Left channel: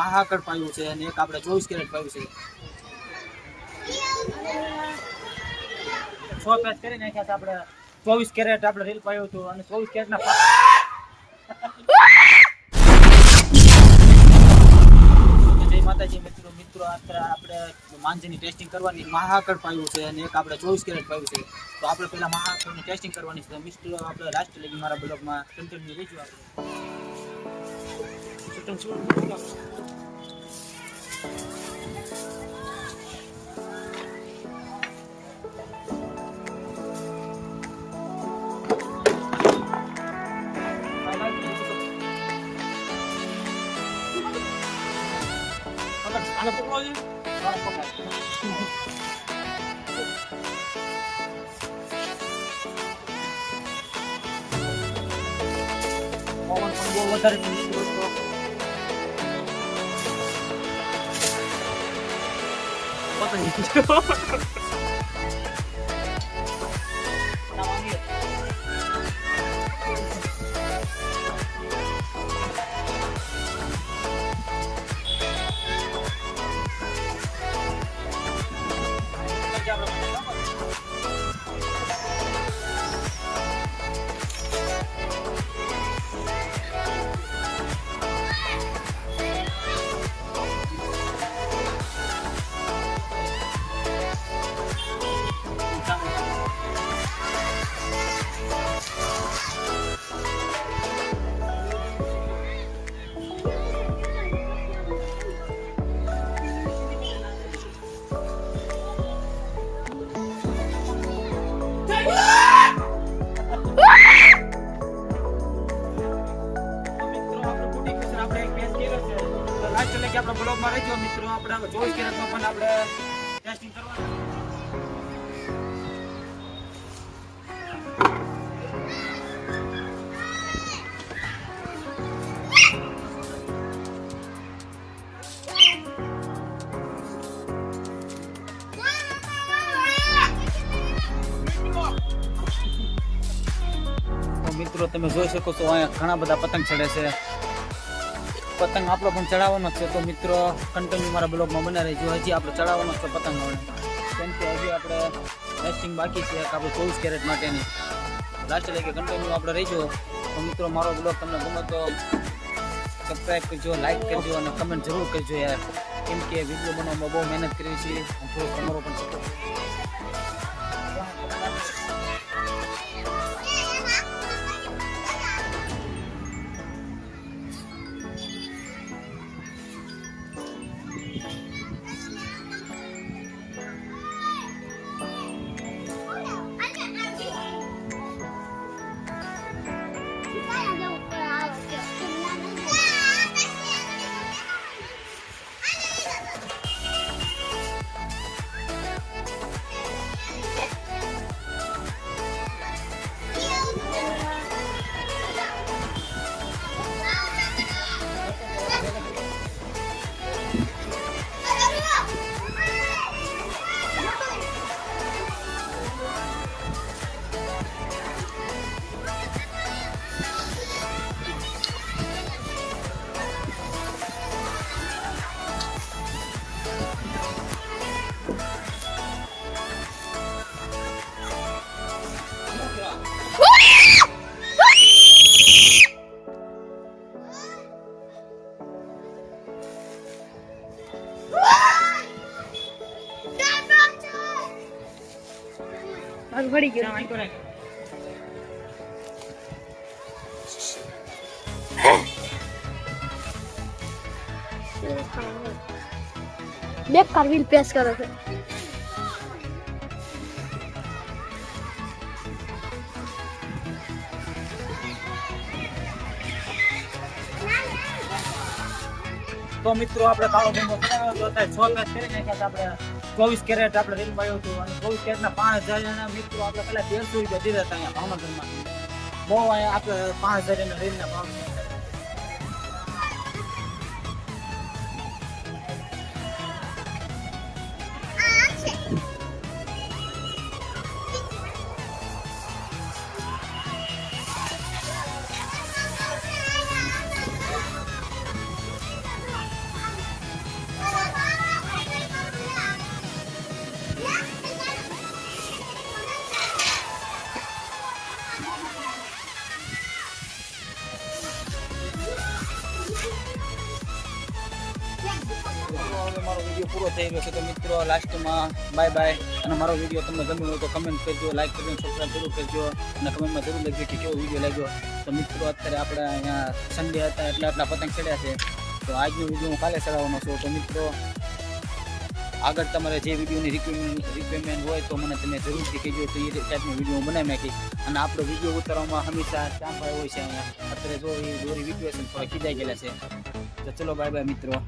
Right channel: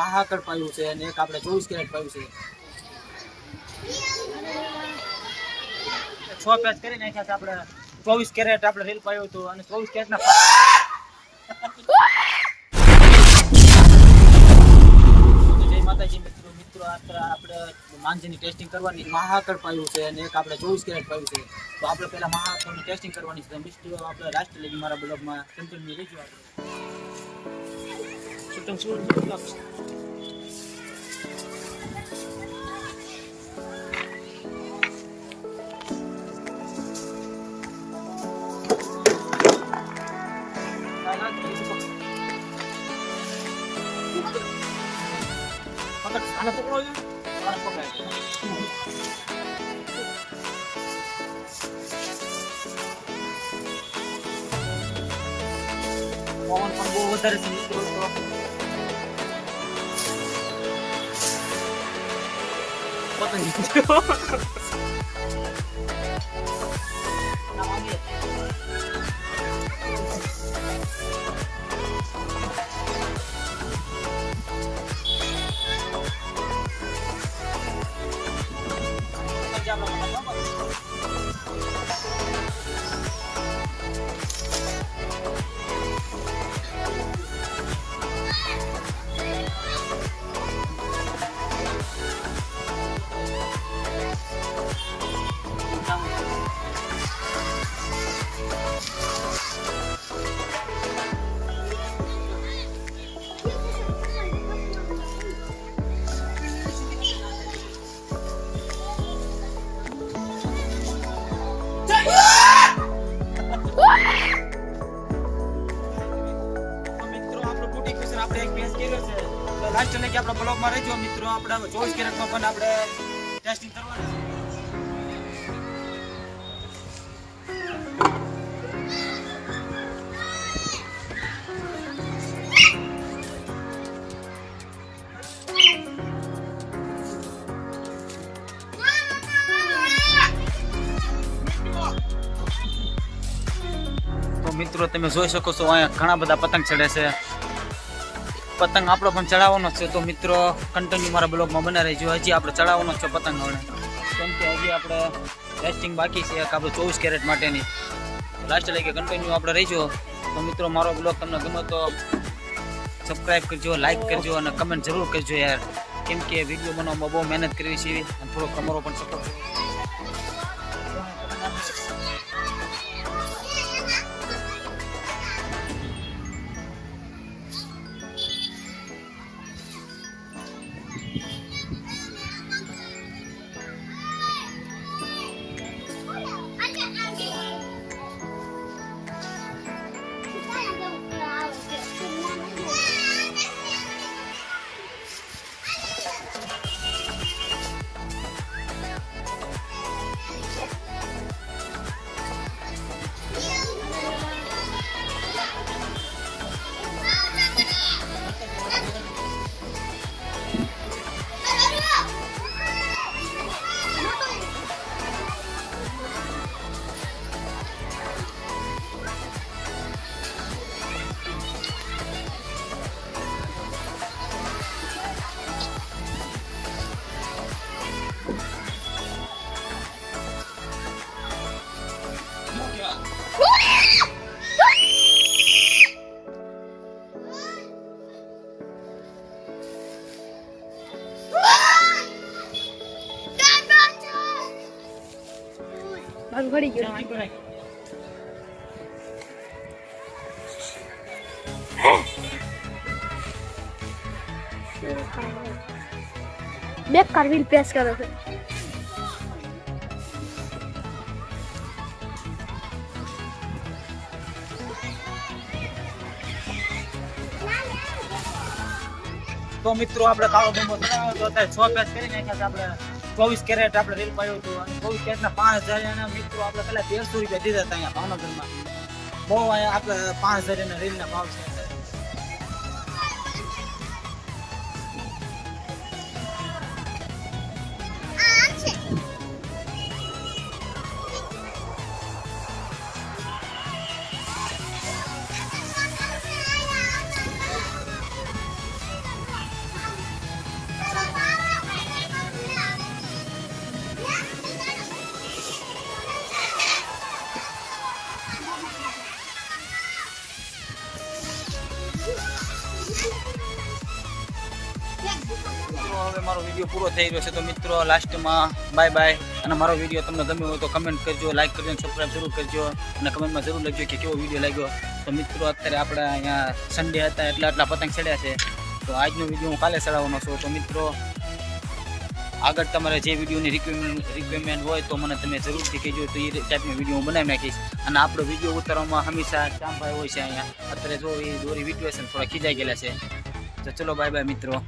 મહાકડ પાયું છે અને એક આપણે 24 કેરેટ પાયું છે. 6 પેચ કરી નાખ્યા છે આપણે. 24 કેરેટ આપણે રીલ પાયું હતું અને 24 કેરેટના જય માતાજી મિત્રો આપણે માંજની ટેસ્ટિંગ કરવાની. મહાકડ પાયું છે અને એક આપણે 24 કેરેટ પાયું છે. તો આપણે પહેલા મહાકડની ટેસ્ટિંગ કરવાની છે. મિત્રો આપણે લાસ્ટ લગી મારા બ્લોગમાં કન્ટિન્યુ રહેજો. આપણે શૂટિંગ શરૂ પવન પણ બહુ વધારે છે મિત્રો. તો પતંગ આપણે એક પેચ કેરેટ છે. તો લાસ્ટ લગી આપણા બ્લોગમાં રહેજો મિત્રો. આપણે 24 કેરેટમાં પણ આપણે ટેસ્ટિંગ કરવાનું છે. તો મિત્રો તમે જોઈ શકો છો અહીંયા ઘણા બધા પતંગ ચડે છે. પતંગ આપણો પણ ચડાવવાનો છે. તો મિત્રો કન્ટિન્યુ મારા બ્લોગમાં બના રહેજો. હજી આપણે ચડાવવાનો છે પતંગ હવે, કેમ કે હજી આપણે ટેસ્ટિંગ બાકી છે આપણે 24 કેરેટ માટેની. લાસ્ટ લઈ કન્ટિન્યુ આપણે રહીજો. તો મિત્રો મારો બ્લોગ તમને ગમે તો સબસ્ક્રાઈબ કરજો, લાઈક કરજો અને કમેન્ટ જરૂર કરજો યાર, કેમ કે વિડીયો બનાવવામાં બહુ મહેનત કરવી છે અને થોડો તમારો પણ સપોર્ટ. મારું પડી ગયું. બેકાર વ્હીલ પેસ કરે છે. તો મિત્રો આપણે કાળો બંગો ચડાવ્યો હતો. અત્યારે 6 પેચ કરી નાખ્યા છે આપણે. 24 કેરેટ આપણે રીલ પાયું હતું અને 24 કેરેટના 5000 મિત્રો આપણે પહેલા 1300 રૂપિયા દીધા હતા અહીંયા ભાવનગરમાં. બહુ અહીંયા આપણે 5000 રીલના ભાવ છે. હવે મારો વિડીયો પૂરો થઈ રહ્યો છે. તો મિત્રો લાસ્ટમાં બાય બાય. અને મારો વિડીયો તમને ગમ્યો હોય તો કમેન્ટ કરજો, લાઈક કરજો, સબસ્ક્રાઈબ જરૂર કરજો અને કમેન્ટમાં જરૂર લખજો કે કેવો વિડીયો લાગ્યો. તો મિત્રો અત્યારે આપણે અહીંયા સન્ડે હતા એટલે આટલા પતંગ ચડ્યા છે. તો આજનો વિડીયો હું કાલે ચડાવવાનો છું. તો મિત્રો આગળ તમારે જે વિડીયોની રિક્વાયરમેન્ટ હોય તો મને તમે જરૂરથી કહેજો, તો એ ટાઈપનો વિડીયો હું બનાવી નાખીશ. અને આપણો વિડીયો ઉતારવામાં હંમેશા શ્યામભાઈ હોય છે અહીંયા. અત્યારે જો એ દોરી વિડીયો છે ને થોડા ખીજાઈ ગયેલા છે. તો ચલો બાય બાય મિત્રો.